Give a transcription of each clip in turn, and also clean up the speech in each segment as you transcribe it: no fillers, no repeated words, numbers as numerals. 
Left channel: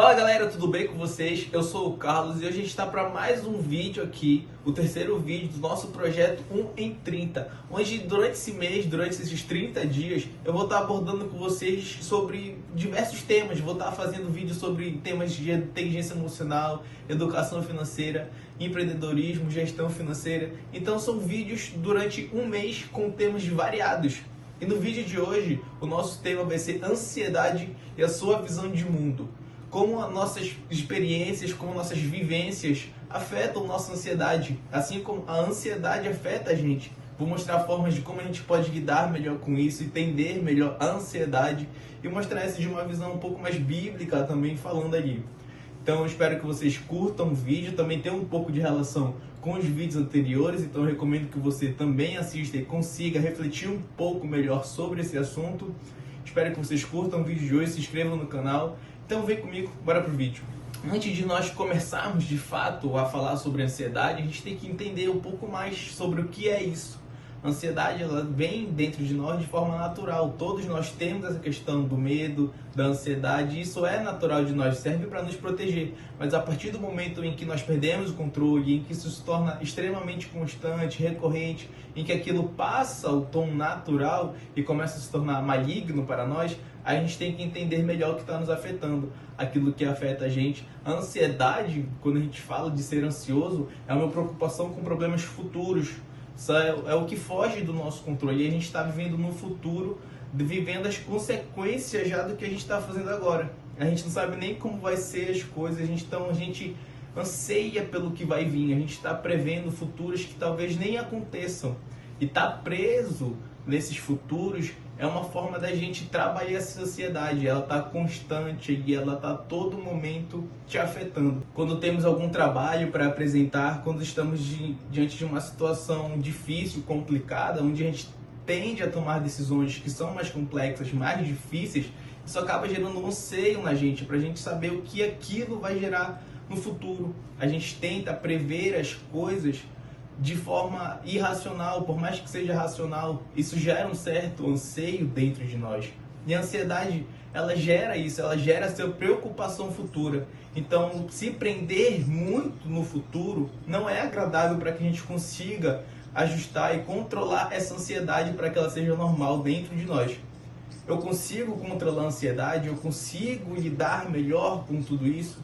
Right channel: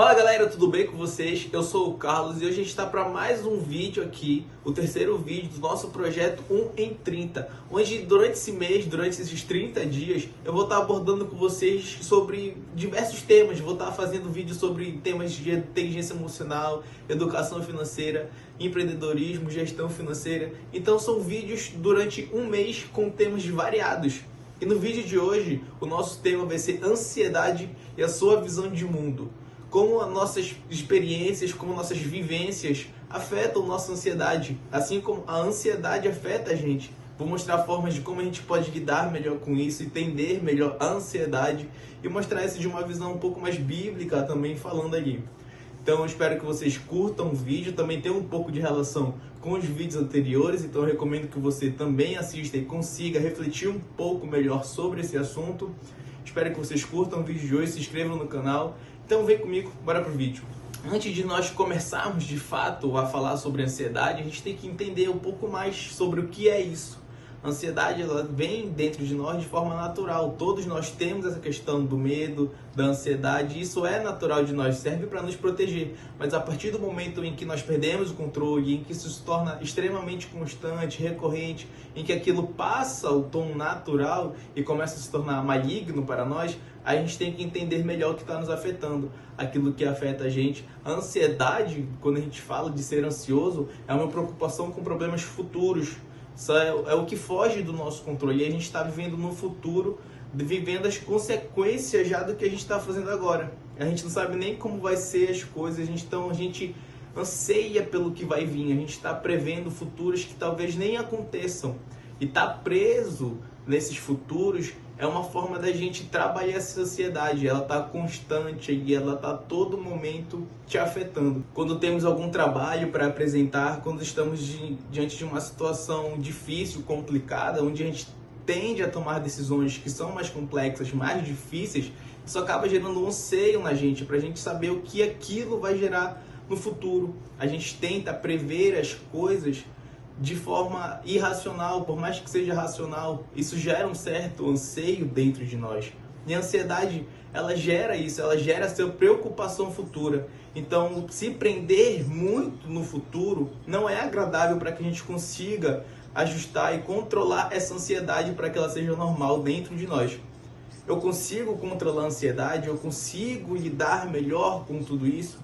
Fala galera, tudo bem com vocês? Eu sou o Carlos e hoje a gente está para mais um vídeo aqui, o terceiro vídeo do nosso projeto 1 em 30, onde durante esse mês, durante esses 30 dias, eu vou estar abordando com vocês sobre diversos temas. Vou estar fazendo vídeos sobre temas de inteligência emocional, educação financeira, empreendedorismo, gestão financeira. Então são vídeos durante um mês com temas variados. E no vídeo de hoje, o nosso tema vai ser ansiedade e a sua visão de mundo. Como as nossas experiências, como nossas vivências afetam nossa ansiedade, assim como a ansiedade afeta a gente. Vou mostrar formas de como a gente pode lidar melhor com isso, entender melhor a ansiedade e mostrar isso de uma visão um pouco mais bíblica também falando ali. Então eu espero que vocês curtam o vídeo, também tem um pouco de relação com os vídeos anteriores, então eu recomendo que você também assista e consiga refletir um pouco melhor sobre esse assunto. Espero que vocês curtam o vídeo de hoje, se inscrevam no canal. Então vem comigo, bora pro vídeo. Antes de nós começarmos de fato a falar sobre ansiedade, a gente tem que entender um pouco mais sobre o que é isso. A ansiedade, ela vem dentro de nós de forma natural. Todos nós temos essa questão do medo, da ansiedade. Isso é natural de nós, serve para nos proteger. Mas a partir do momento em que nós perdemos o controle, em que isso se torna extremamente constante, recorrente, em que aquilo passa o tom natural e começa a se tornar maligno para nós, a gente tem que entender melhor o que está nos afetando, aquilo que afeta a gente. A ansiedade, quando a gente fala de ser ansioso, é uma preocupação com problemas futuros. Isso é o que foge do nosso controle. E a gente está vivendo no futuro, vivendo as consequências já do que a gente está fazendo agora. A gente não sabe nem como vai ser as coisas, então a gente anseia pelo que vai vir. A gente está prevendo futuros que talvez nem aconteçam. E estar preso nesses futuros é uma forma da gente trabalhar essa ansiedade. Ela está constante e ela está a todo momento te afetando. Quando temos algum trabalho para apresentar, quando estamos diante de uma situação difícil, complicada, onde a gente tende a tomar decisões que são mais complexas, mais difíceis, isso acaba gerando um anseio na gente, para a gente saber o que aquilo vai gerar no futuro. A gente tenta prever as coisas de forma irracional, por mais que seja racional, isso gera um certo anseio dentro de nós. E a ansiedade, ela gera isso, ela gera essa preocupação futura. Então, se prender muito no futuro não é agradável para que a gente consiga ajustar e controlar essa ansiedade para que ela seja normal dentro de nós. Eu consigo controlar a ansiedade? Eu consigo lidar melhor com tudo isso?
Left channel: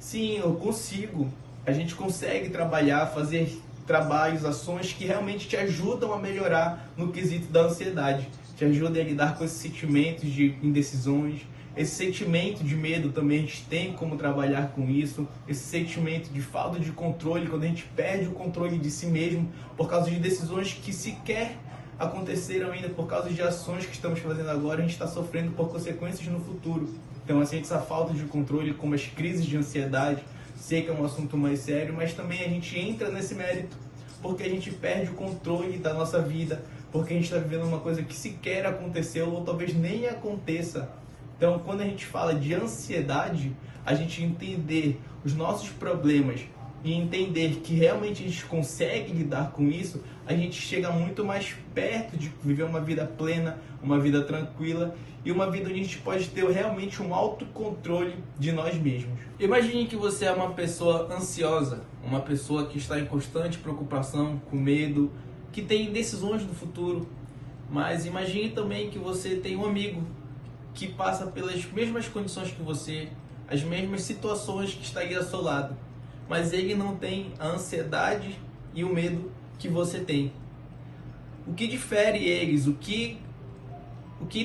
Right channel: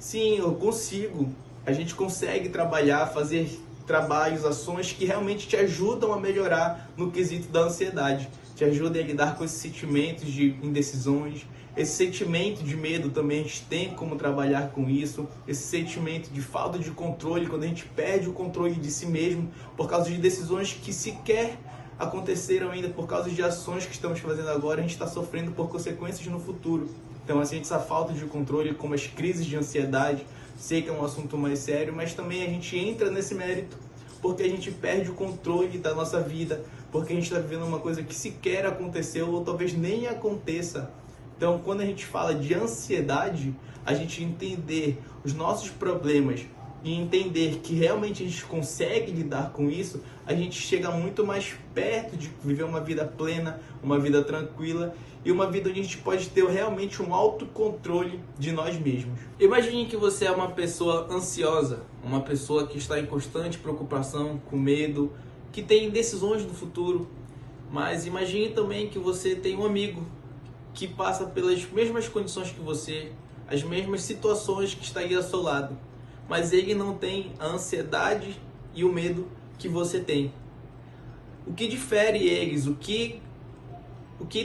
Sim, eu consigo. A gente consegue trabalhar, fazer trabalhos, ações que realmente te ajudam a melhorar no quesito da ansiedade, te ajudam a lidar com esses sentimentos de indecisões, esse sentimento de medo também a gente tem como trabalhar com isso, esse sentimento de falta de controle, quando a gente perde o controle de si mesmo por causa de decisões que sequer aconteceram ainda, por causa de ações que estamos fazendo agora, a gente está sofrendo por consequências no futuro. Então, assim, essa falta de controle, como as crises de ansiedade, sei que é um assunto mais sério, mas também a gente entra nesse mérito porque a gente perde o controle da nossa vida, porque a gente está vivendo uma coisa que sequer aconteceu ou talvez nem aconteça. Então, quando a gente fala de ansiedade, a gente entender os nossos problemas e entender que realmente a gente consegue lidar com isso, a gente chega muito mais perto de viver uma vida plena, uma vida tranquila e uma vida onde a gente pode ter realmente um autocontrole de nós mesmos. Imagine que você é uma pessoa ansiosa, uma pessoa que está em constante preocupação, com medo, que tem decisões no futuro. Mas imagine também que você tem um amigo que passa pelas mesmas condições que você, as mesmas situações que está aí ao seu lado, mas ele não tem a ansiedade e o medo que você tem. O que difere eles? O que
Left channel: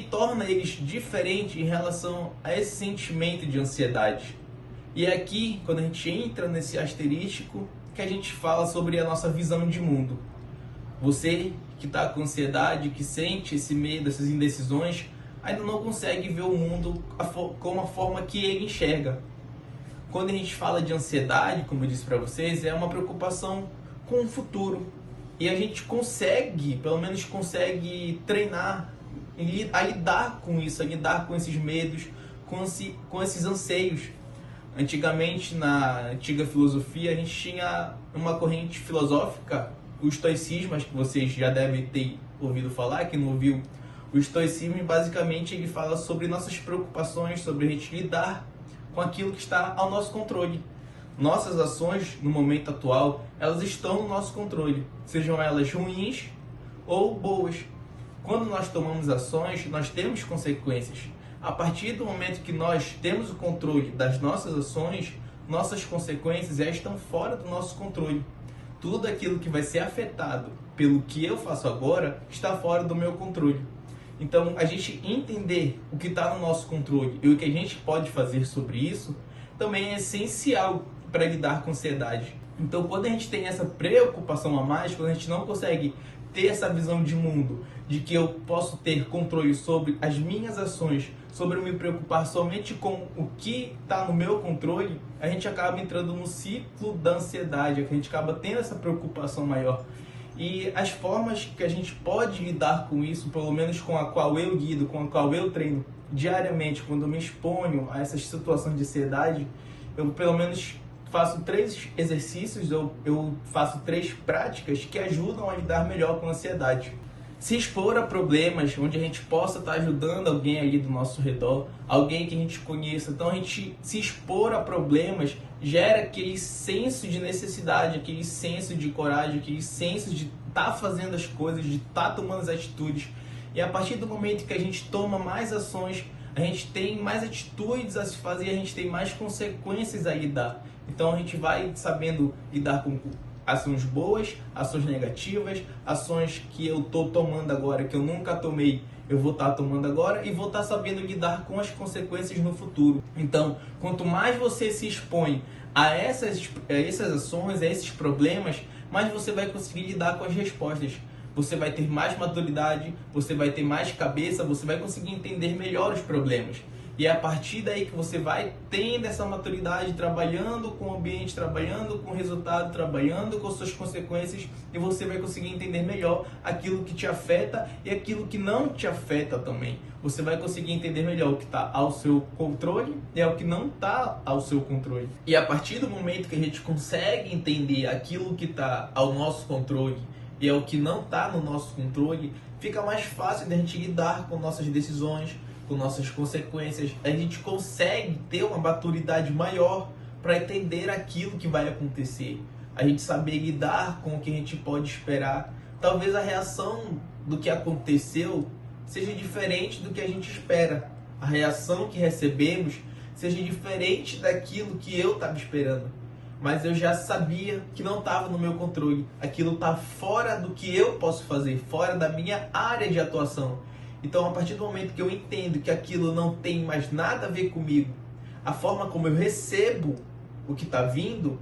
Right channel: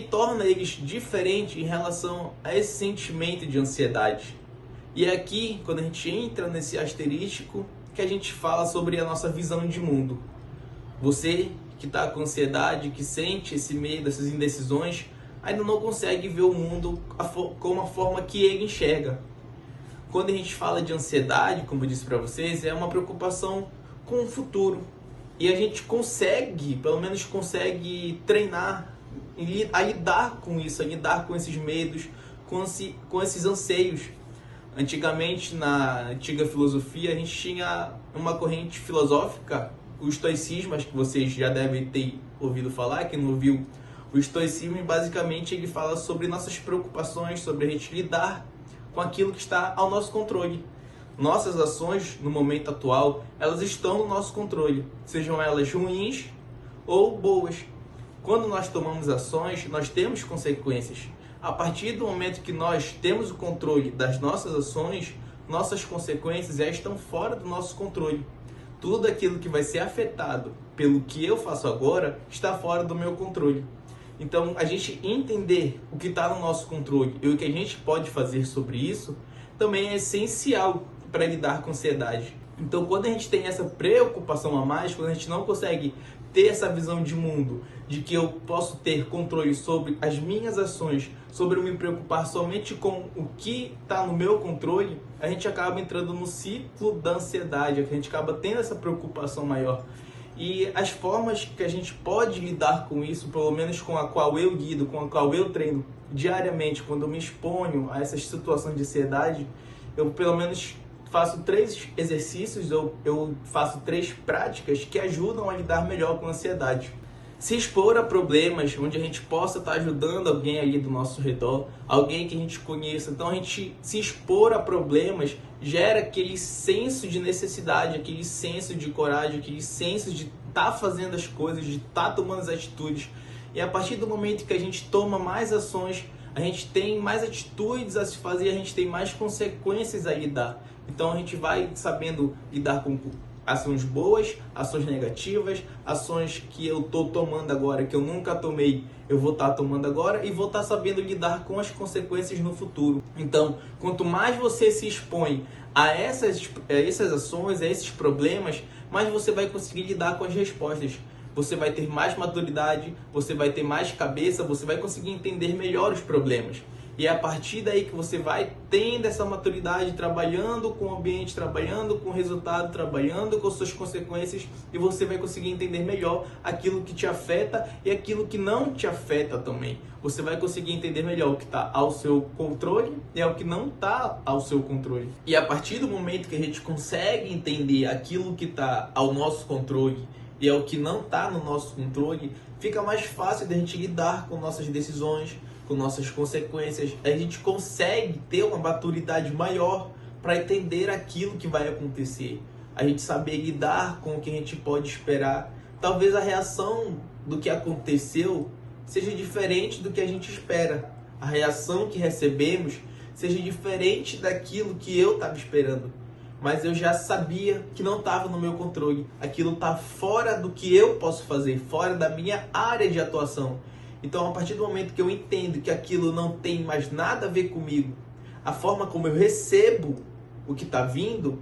torna eles diferentes em relação a esse sentimento de ansiedade? E é aqui, quando a gente entra nesse asterístico, que a gente fala sobre a nossa visão de mundo. Você que está com ansiedade, que sente esse medo, essas indecisões, ainda não consegue ver o mundo como a forma que ele enxerga. Quando a gente fala de ansiedade, como eu disse para vocês, é uma preocupação com o futuro. E a gente consegue, pelo menos consegue treinar a lidar com isso, a lidar com esses medos, com esses anseios. Antigamente, na antiga filosofia, a gente tinha uma corrente filosófica, o estoicismo, acho que vocês já devem ter ouvido falar, quem não ouviu, o estoicismo basicamente ele fala sobre nossas preocupações, sobre a gente lidar com aquilo que está ao nosso controle. Nossas ações, no momento atual, elas estão no nosso controle, sejam elas ruins ou boas. Quando nós tomamos ações, nós temos consequências. A partir do momento que nós temos o controle das nossas ações, nossas consequências já estão fora do nosso controle. Tudo aquilo que vai ser afetado pelo que eu faço agora está fora do meu controle. Então, a gente entender o que está no nosso controle e o que a gente pode fazer sobre isso também é essencial para lidar com ansiedade. Então, quando a gente tem essa preocupação a mais, quando a gente não consegue ter essa visão de mundo, de que eu posso ter controle sobre as minhas ações, sobre eu me preocupar somente com o que está no meu controle, a gente acaba entrando no ciclo da ansiedade, a gente acaba tendo essa preocupação maior. E as formas que a gente pode lidar com isso, pelo menos com a qual eu lido, com a qual eu treino diariamente, quando eu me exponho a essas situações de ansiedade, eu pelo menos faço 3 exercícios, eu faço 3 práticas que ajudam a lidar melhor com a ansiedade. Se expor a problemas onde a gente possa estar ajudando alguém ali do nosso redor, alguém que a gente conheça. Então a gente se expor a problemas gera aquele senso de necessidade, aquele senso de coragem, aquele senso de estar fazendo as coisas, de estar tomando as atitudes. E a partir do momento que a gente toma mais ações, a gente tem mais atitudes a se fazer, a gente tem mais consequências a lidar. Então a gente vai sabendo lidar com ações boas, ações negativas, ações que eu estou tomando agora, que eu nunca tomei, eu vou estar tomando agora e vou estar sabendo lidar com as consequências no futuro. Então, quanto mais você se expõe a essas ações, a esses problemas, mais você vai conseguir lidar com as respostas. Você vai ter mais maturidade, você vai ter mais cabeça, você vai conseguir entender melhor os problemas. E é a partir daí que você vai tendo essa maturidade, trabalhando com o ambiente, trabalhando com o resultado, trabalhando com suas consequências, e você vai conseguir entender melhor aquilo que te afeta e aquilo que não te afeta também. Você vai conseguir entender melhor o que está ao seu controle e o que não está ao seu controle. E a partir do momento que a gente consegue entender aquilo que está ao nosso controle e é o que não está no nosso controle, fica mais fácil de a gente lidar com nossas decisões, com nossas consequências. A gente consegue ter uma maturidade maior para entender aquilo que vai acontecer. A gente saber lidar com o que a gente pode esperar. Talvez a reação do que aconteceu seja diferente do que a gente espera. A reação que recebemos seja diferente daquilo que eu estava esperando. Mas eu já sabia que não estava no meu controle. Aquilo está fora do que eu posso fazer, fora da minha área de atuação. Então, a partir do momento que eu entendo que aquilo não tem mais nada a ver comigo, a forma como eu recebo o que está vindo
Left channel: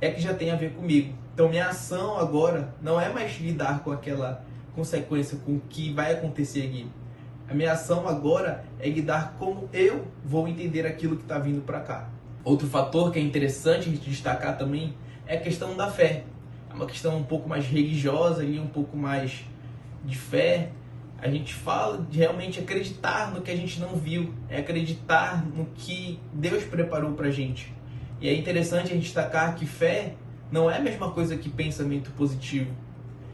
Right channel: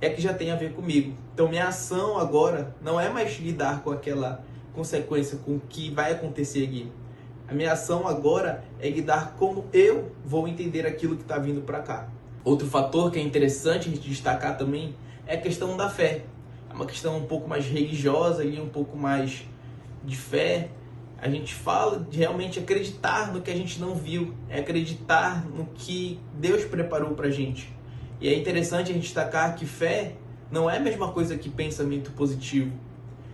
é que já tem a ver comigo. Então, minha ação agora não é mais lidar com aquela consequência, com o que vai acontecer aqui. A minha ação agora é lidar como eu vou entender aquilo que está vindo para cá. Outro fator que é interessante a gente destacar também é a questão da fé. É uma questão um pouco mais religiosa, ali, um pouco mais de fé. A gente fala de realmente acreditar no que a gente não viu, é acreditar no que Deus preparou pra gente. E é interessante a gente destacar que fé não é a mesma coisa que pensamento positivo.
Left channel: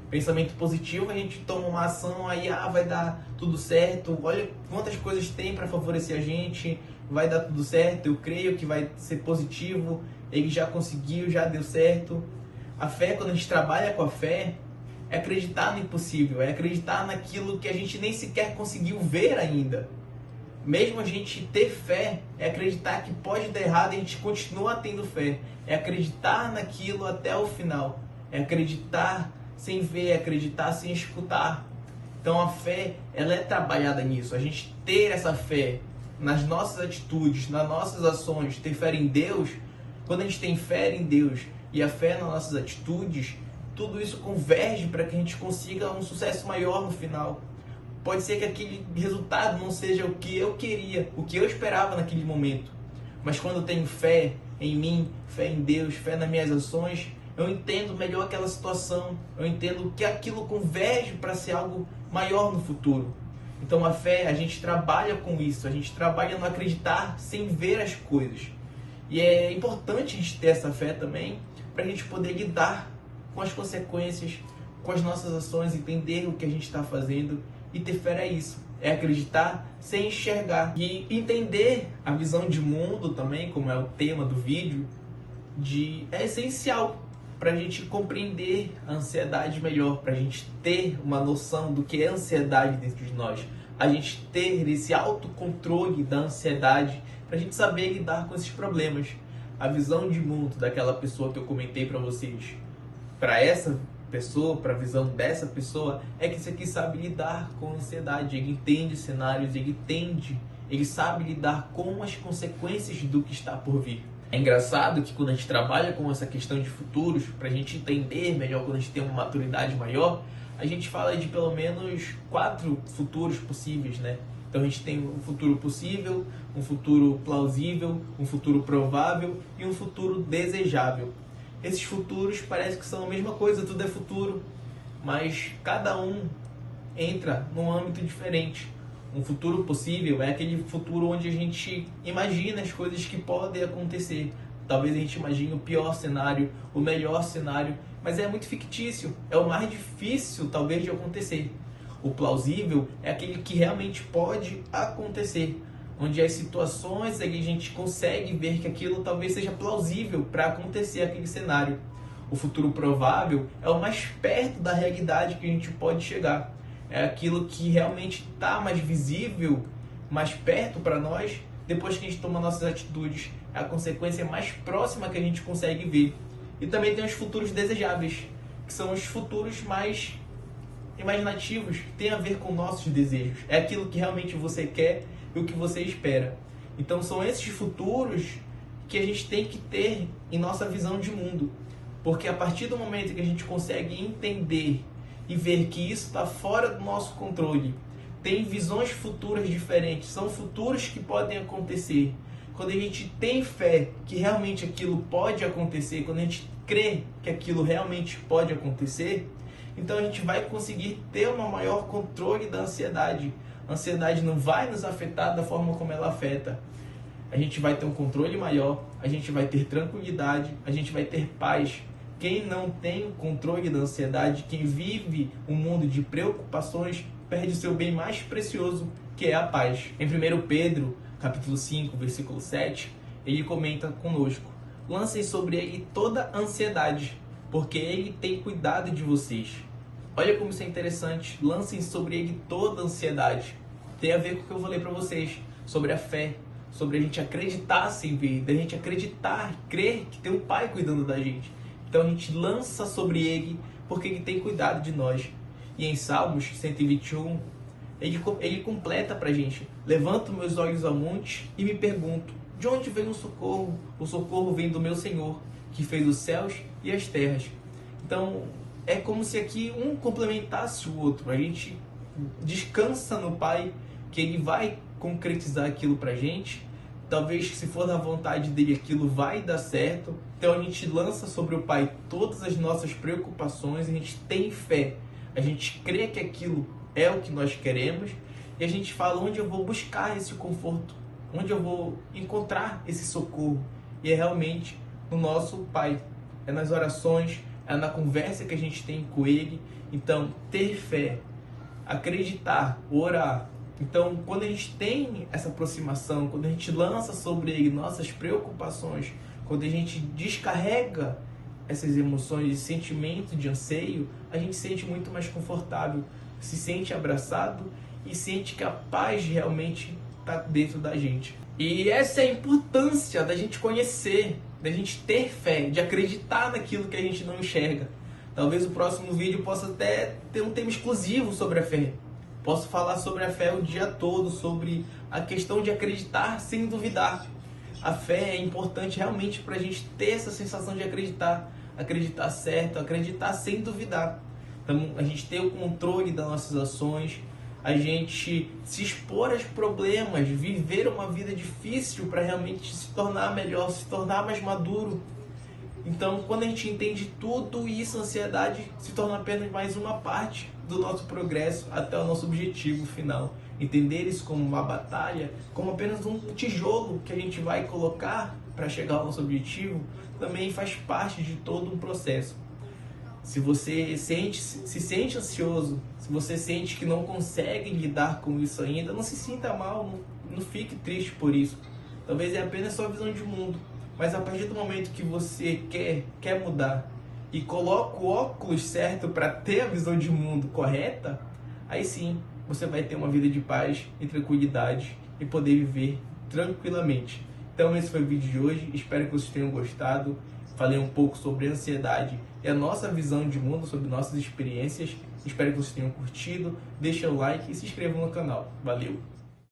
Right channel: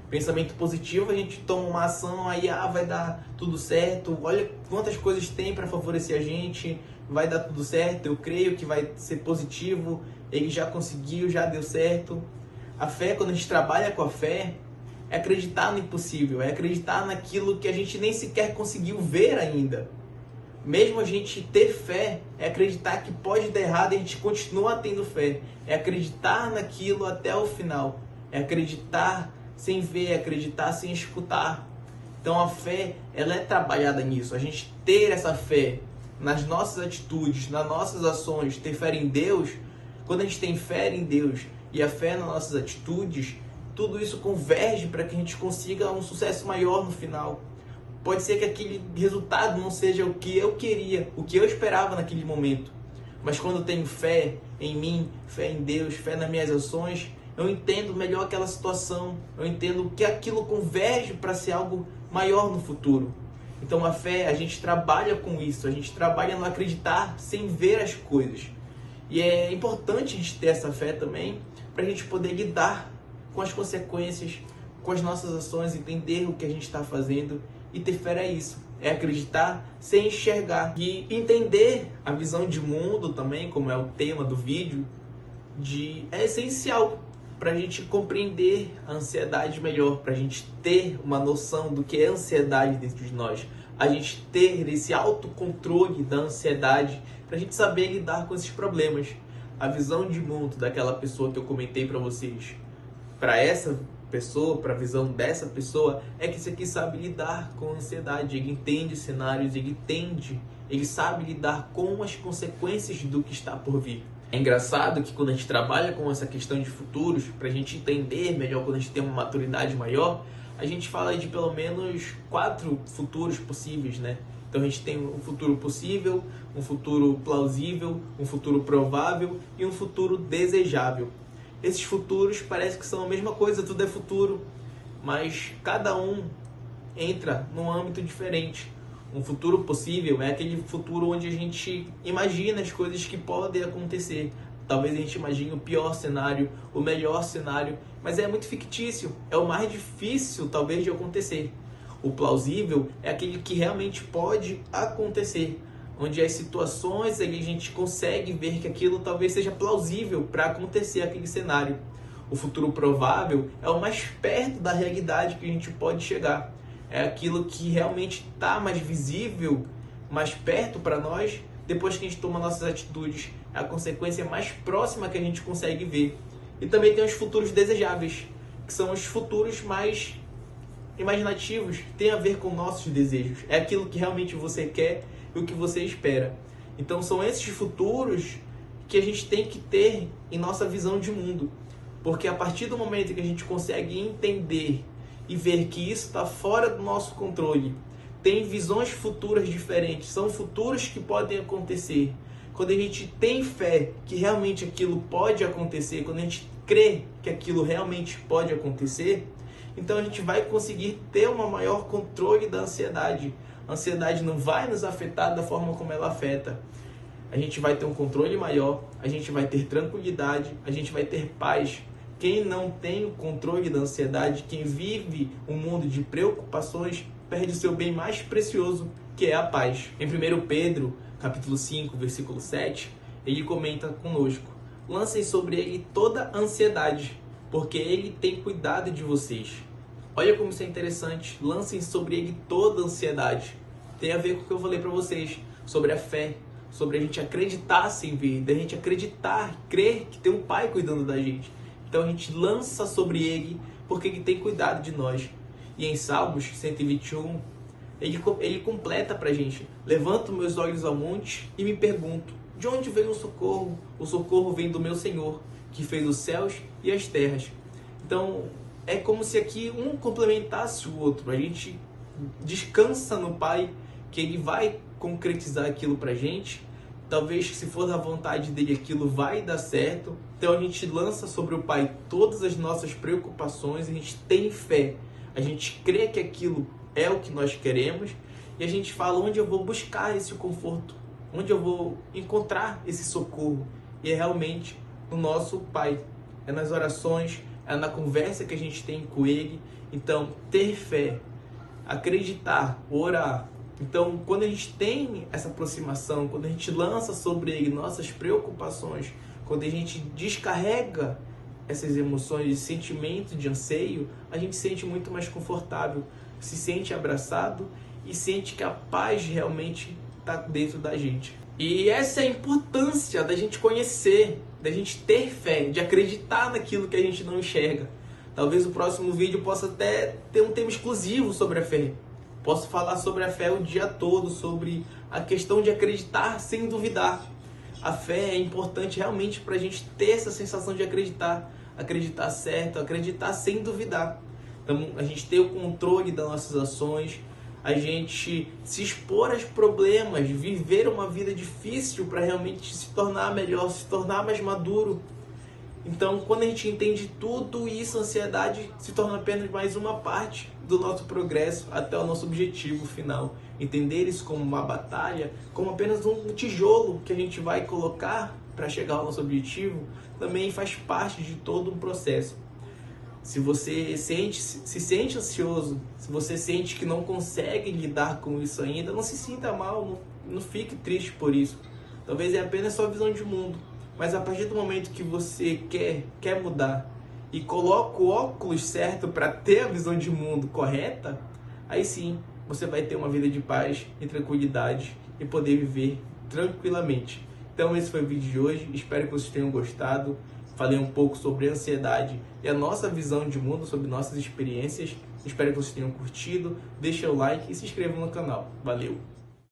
Pensamento positivo, a gente toma uma ação, aí vai dar tudo certo, olha quantas coisas tem para favorecer a gente, vai dar tudo certo, eu creio que vai ser positivo, ele já conseguiu, já deu certo. A fé, quando a gente trabalha com a fé, é acreditar no impossível, é acreditar naquilo que a gente nem sequer conseguiu ver ainda. Mesmo a gente ter fé, é acreditar que pode dar errado e a gente continua tendo fé. É acreditar naquilo até o final. É acreditar sem ver, é acreditar sem escutar. Então a fé, ela é trabalhada nisso. A gente ter essa fé nas nossas atitudes, nas nossas ações, ter fé em Deus. Quando a gente tem fé em Deus e a fé nas nossas atitudes, tudo isso converge para que a gente consiga um sucesso maior no final. Pode ser que aquele resultado não seja o que eu queria, o que eu esperava naquele momento. Mas quando eu tenho fé em mim, fé em Deus, fé nas minhas ações, eu entendo melhor aquela situação. Eu entendo que aquilo converge para ser algo maior no futuro. Então a fé, a gente trabalha com isso. A gente trabalha no acreditar sem ver as coisas. E é importante a gente ter essa fé também para a gente poder lidar com as consequências, com as nossas ações, entender o que a gente está fazendo E ter fé é isso, é acreditar sem enxergar. E entender a visão de mundo também, como é o tema do vídeo, é essencial para a gente compreender a ansiedade melhor, para a gente ter uma noção do que é ansiedade dentro de nós, a gente ter esse autocontrole da ansiedade, para a gente saber lidar com esses problemas. A visão de mundo daquela pessoa que eu comentei para vocês, para essa pessoa, para a visão dessa pessoa, é que esse aqui sabe lidar com a ansiedade, ele entende os cenários, ele sabe lidar com as consequências do que está por vir. É engraçado que quando a gente trabalha com essa questão de futuros, para a gente entender melhor, quando a gente tem uma maturidade maior, a gente fala de pelo menos 4 futuros possíveis, né? Então a gente tem um futuro possível, um futuro plausível, um futuro provável e um futuro desejável. Esses futuros parece que são a mesma coisa, tudo é futuro, mas cada um entra num âmbito diferente. Um futuro possível é aquele futuro onde a gente imagina as coisas que podem acontecer. Talvez a gente imagine o pior cenário, o melhor cenário, mas é muito fictício, é o mais difícil talvez de acontecer. O plausível é aquele que realmente pode acontecer, onde as situações a gente consegue ver que aquilo talvez seja plausível para acontecer aquele cenário. O futuro provável é o mais perto da realidade que a gente pode chegar. É aquilo que realmente está mais visível, mais perto para nós, depois que a gente toma nossas atitudes. É a consequência mais próxima que a gente consegue ver. E também tem os futuros desejáveis, que são os futuros mais imaginativos, que tem a ver com nossos desejos. É aquilo que realmente você quer e o que você espera. Então são esses futuros que a gente tem que ter em nossa visão de mundo. Porque a partir do momento que a gente consegue entender e ver que isso está fora do nosso controle, tem visões futuras diferentes, são futuros que podem acontecer. Quando a gente tem fé que realmente aquilo pode acontecer, quando a gente crê que aquilo realmente pode acontecer, então a gente vai conseguir ter um maior controle da ansiedade. A ansiedade não vai nos afetar da forma como ela afeta. A gente vai ter um controle maior, a gente vai ter tranquilidade, a gente vai ter paz. Quem não tem o controle da ansiedade, quem vive um mundo de preocupações, perde o seu bem mais precioso, que é a paz. Em 1 Pedro, capítulo 5, versículo 7, ele comenta conosco: lancem sobre ele toda a ansiedade, porque ele tem cuidado de vocês. Olha como isso é interessante. Lancem sobre ele toda a ansiedade. Tem a ver com o que eu falei para vocês sobre a fé, sobre a gente acreditar sem ver, da gente acreditar, crer que tem um Pai cuidando da gente. Então a gente lança sobre ele porque ele tem cuidado de nós. E em Salmos 121, ele completa pra gente: levanto meus olhos ao monte e me pergunto, de onde vem o socorro? O socorro vem do meu Senhor, que fez os céus e as terras. Então é como se aqui um complementasse o outro. A gente descansa no Pai, que ele vai concretizar aquilo pra gente. Talvez, se for da vontade dele, aquilo vai dar certo. Então a gente lança sobre o Pai todas as nossas preocupações, a gente tem fé, a gente crê que aquilo é o que nós queremos e a gente fala onde eu vou buscar esse conforto, onde eu vou encontrar esse socorro. E é realmente no nosso Pai, é nas orações, é na conversa que a gente tem com Ele. Então, ter fé, acreditar, orar. Então, quando a gente tem essa aproximação, quando a gente lança sobre ele nossas preocupações, quando a gente descarrega essas emoções de sentimento, de anseio, a gente se sente muito mais confortável, se sente abraçado e sente que a paz realmente está dentro da gente. E essa é a importância da gente conhecer, da gente ter fé, de acreditar naquilo que a gente não enxerga. Talvez o próximo vídeo possa até ter um tema exclusivo sobre a fé. Posso falar sobre a fé o dia todo, sobre a questão de acreditar sem duvidar. A fé é importante realmente para a gente ter essa sensação de acreditar, acreditar certo, acreditar sem duvidar. Então, a gente ter o controle das nossas ações, a gente se expor aos problemas, viver uma vida difícil para realmente se tornar melhor, se tornar mais maduro. Então, quando a gente entende tudo isso, a ansiedade se torna apenas mais uma parte do nosso progresso até o nosso objetivo final. Entender isso como uma batalha, como apenas um tijolo que a gente vai colocar para chegar ao nosso objetivo, também faz parte de todo um processo. Se você se sente ansioso, se você sente que não consegue lidar com isso ainda, não se sinta mal, não fique triste por isso. Talvez é apenas sua visão de mundo, mas a partir do momento que você quer mudar e coloca o óculos certo para ter a visão de mundo correta, aí sim você vai ter uma vida de paz e tranquilidade e poder viver tranquilamente. Então esse foi o vídeo de hoje, espero que vocês tenham gostado. Falei um pouco sobre ansiedade e a nossa visão de mundo, sobre nossas experiências. Espero que vocês tenham curtido. Deixa o like e se inscreva no canal. Valeu!